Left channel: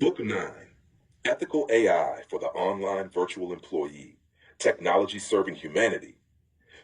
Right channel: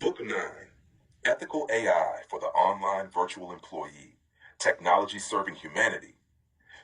Book 9, Ethical AI for the Online Virtual Employee, Technology Serving Humanity,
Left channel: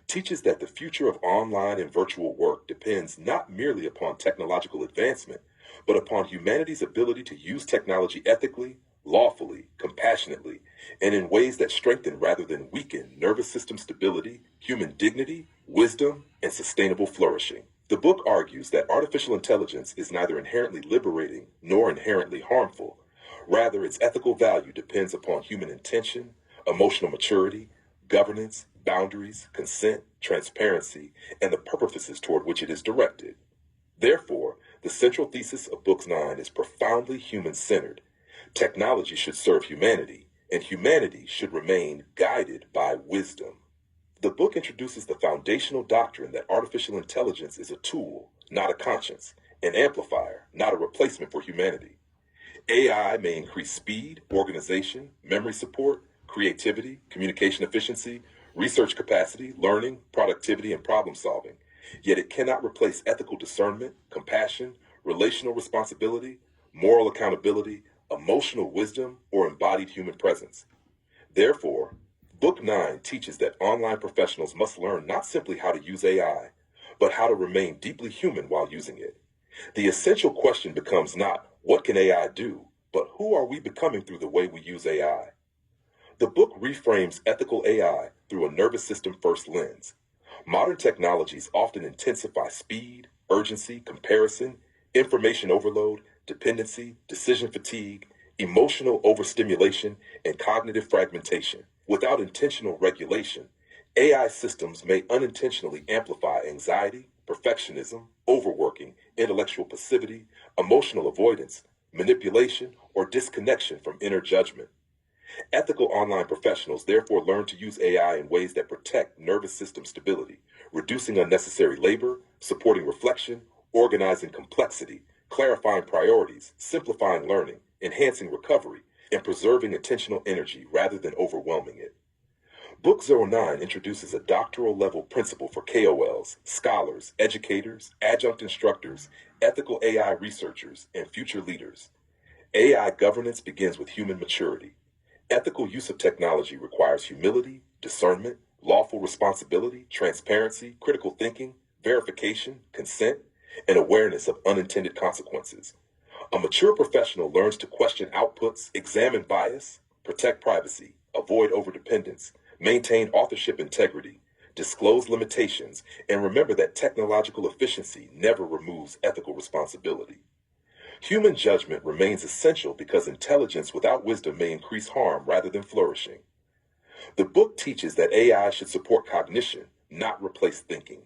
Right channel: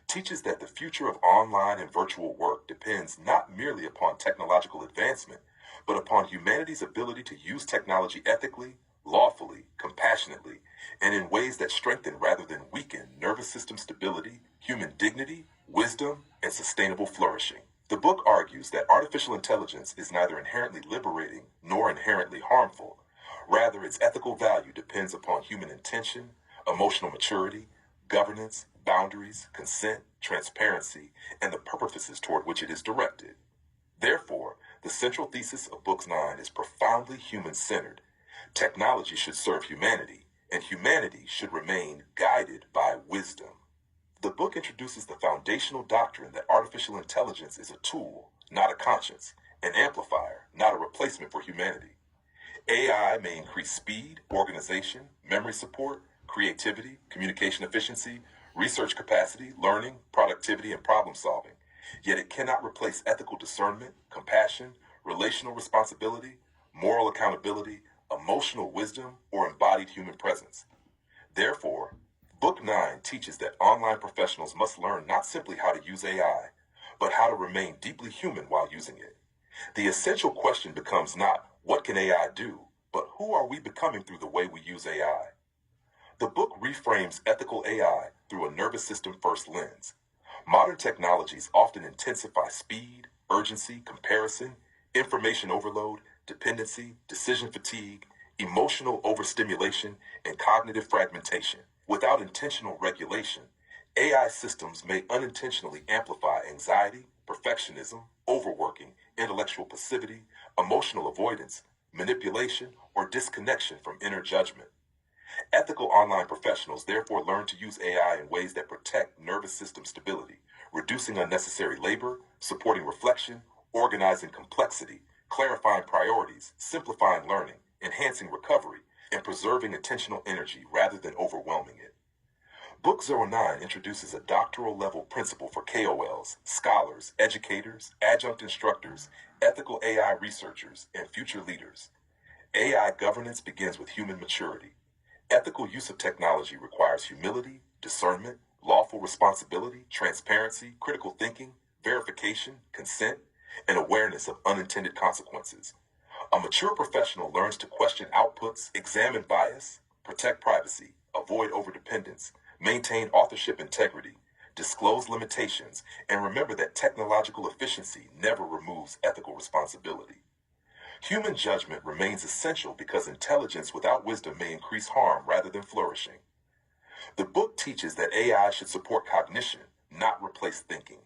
teaches that the future of online and virtual work depends not merely upon technological advancement, but upon humanity's ability to use technology ethically, lawfully, compassionately, and in ways that strengthen rather than weaken nervous system stability, human dignity, wisdom, and sustainable flourishing. The book argues that artificial intelligence is neither inherently liberating nor inherently harmful. Rather, its ethical value depends upon human intention, emotional maturity, governance, boundaries, consent, transparency, and the purposes toward which it is directed. Therefore, the central thesis of Book 9 is profoundly human-centered. Technology should serve humanity, and humanity should remain guided by wisdom. The book introduces the foundational doctrine that artificial intelligence is a tool, not a conscience, an amplifier, not a replacement for humanity. AI may increase speed, organization, memory support, creativity, communication efficiency, research capacity, learning, productivity, and problem solving. Yet it cannot replace ethical discernment, compassion, relational responsibility, moral accountability, emotional wisdom, or embodied human presence. Therefore, Book 9 teaches that online professionals must learn not simply how to use AI, but how to remain deeply human while using it. The essential question becomes not what can AI do, but who are we becoming through the way we use AI? The book reframes ethical AI through a nervous system first lens. Modern technologies often intensify speed, urgency, comparison, information overload, dependency, decision fatigue, emotional overstimulation, and cognitive fragmentation. Without intentional regulation, AI systems may unintentionally amplify anxiety, perfectionism, overworking, intellectual passivity, emotional avoidance, manipulation, or disconnection from inner judgment. Ethical online professionals therefore learn to use AI in ways that protect nervous system stability, reducing unnecessary labor, supporting reflection, organizing complexity, clarifying priorities, simplifying learning, enhancing recovery, and preserving attentional energy rather than overwhelming it. Book 09 introduces a doctoral level principle for KOLs, scholars, educators, adjunct instructors, ethical AI researchers, and future leaders. AI governance begins with human maturity. Ethical use of technology requires humility, discernment, lawful responsibility, transparency, critical thinking, verification, consent, and awareness of unintended consequences. A mature professional learns to question outputs, examine bias, protect privacy, avoid overdependence, maintain authorship integrity, disclose limitations, and remember that technological efficiency never removes ethical responsibility. Human judgment remains essential because intelligence without wisdom may increase harm rather than flourishing. The book teaches that AI should support cognition, not replace thinking.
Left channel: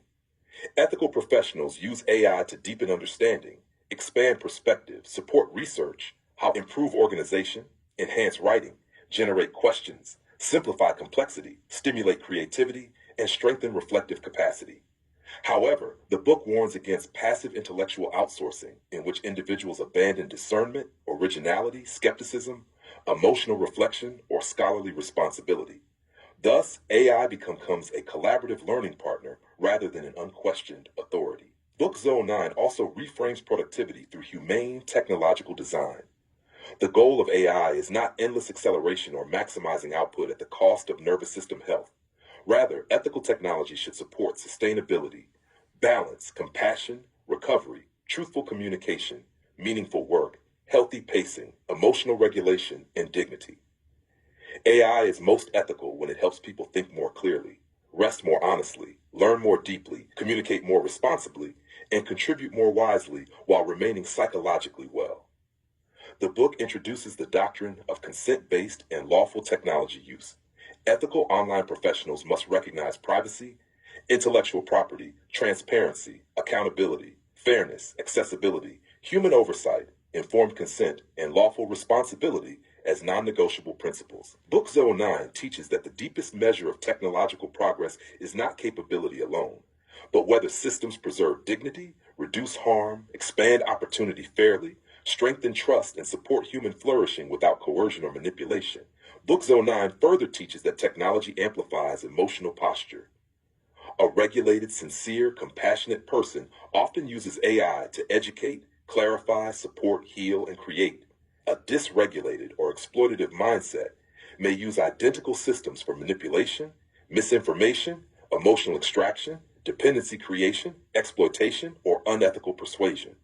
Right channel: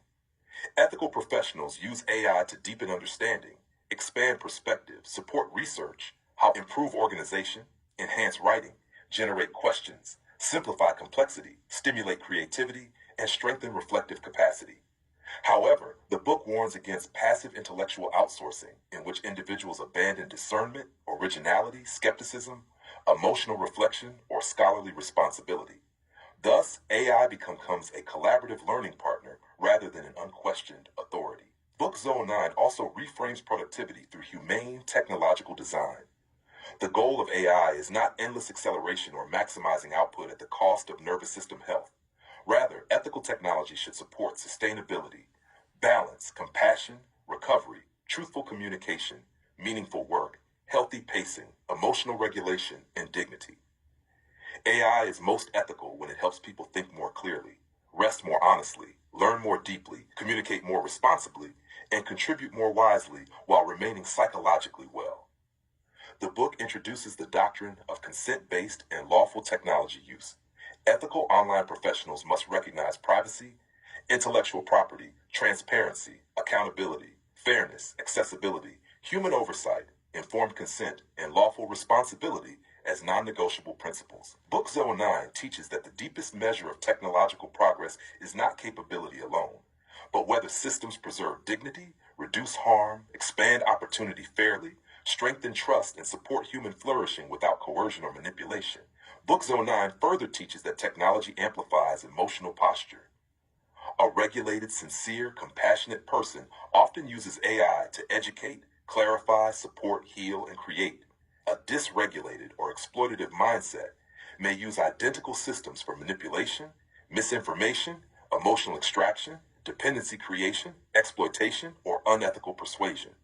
Ethical professionals use AI to deepen understanding, expand perspective, support research, how improve organization, enhance writing, generate questions, simplify complexity, stimulate creativity, and strengthen reflective capacity. However, the book warns against passive intellectual outsourcing, in which individuals abandon discernment, originality, skepticism, emotional reflection, or scholarly responsibility. Thus, AI becomes a collaborative learning partner rather than an unquestioned authority. Book 09 also reframes productivity through humane technological design. The goal of AI is not endless acceleration or maximizing output at the cost of nervous system health. Rather, ethical technology should support sustainability, balance, compassion, recovery, truthful communication, meaningful work, healthy pacing, emotional regulation, and dignity. AI is most ethical when it helps people think more clearly, rest more honestly, learn more deeply, communicate more responsibly, and contribute more wisely while remaining psychologically well. The book introduces the doctrine of consent-based and lawful technology use. Ethical online professionals must recognize privacy, intellectual property, transparency, accountability, fairness, accessibility, human oversight, informed consent, and lawful responsibility as non-negotiable principles. Book 09 teaches that the deepest measure of technological progress is not capability alone, but whether systems preserve dignity, reduce harm, expand opportunity fairly, strengthen trust, and support human flourishing without coercion or manipulation. Book 09 further teaches that technology amplifies emotional posture. A regulated, sincere, compassionate person often uses AI to educate, clarify, support, heal, and create. A dysregulated or exploitative mindset may use identical systems for manipulation, misinformation, emotional extraction, dependency creation, exploitation, or unethical persuasion.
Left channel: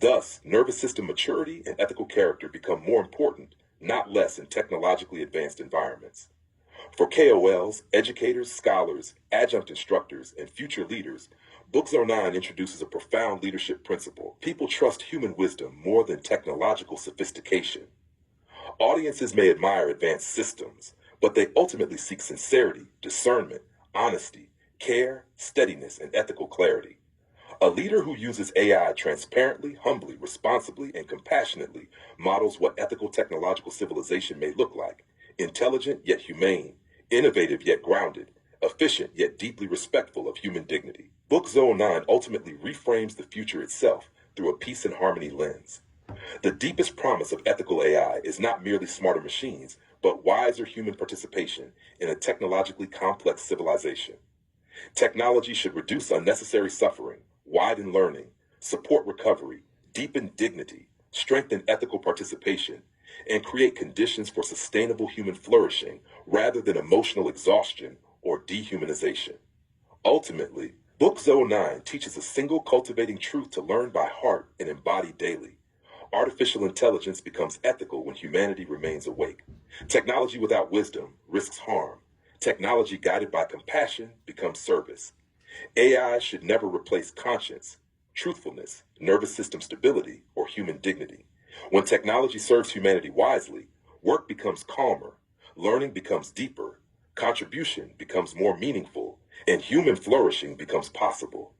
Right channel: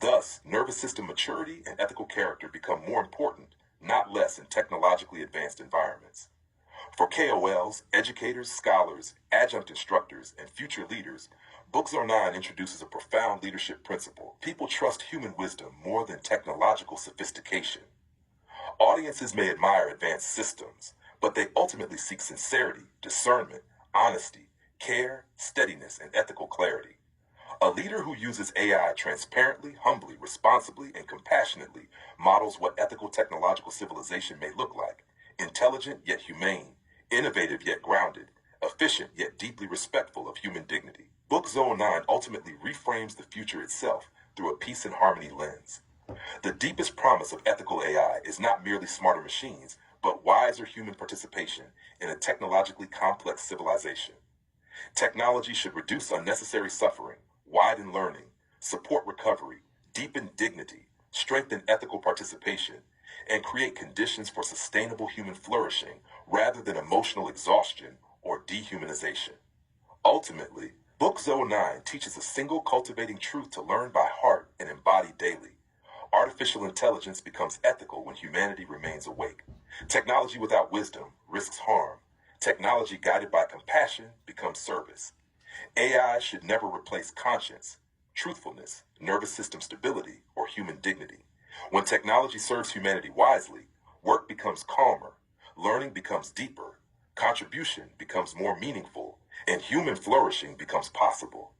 Thus, nervous system maturity and ethical character become more important, not less, in technologically advanced environments. For KOLs, educators, scholars, adjunct instructors, and future leaders, Book 09 introduces a profound leadership principle. People trust human wisdom more than technological sophistication. Audiences may admire advanced systems, but they ultimately seek sincerity, discernment, honesty, care, steadiness, and ethical clarity. A leader who uses AI transparently, humbly, responsibly, and compassionately models what ethical technological civilization may look like: intelligent yet humane, innovative yet grounded, efficient yet deeply respectful of human dignity. Book 09 ultimately reframes the future itself through a peace and harmony lens. The deepest promise of ethical AI is not merely smarter machines, but wiser human participation in a technologically complex civilization. Technology should reduce unnecessary suffering, widen learning, support recovery, deepen dignity, strengthen ethical participation, and create conditions for sustainable human flourishing rather than emotional exhaustion or dehumanization. Ultimately, Book 09 teaches a single cultivating truth to learn by heart and embody daily. Artificial intelligence becomes ethical when humanity remains awake. Technology without wisdom risks harm. Technology guided by compassion becomes service. AI should never replace conscience, truthfulness, nervous system stability, or human dignity. When technology serves humanity wisely, work becomes calmer, learning becomes deeper, contribution becomes more meaningful, and human flourishing becomes possible.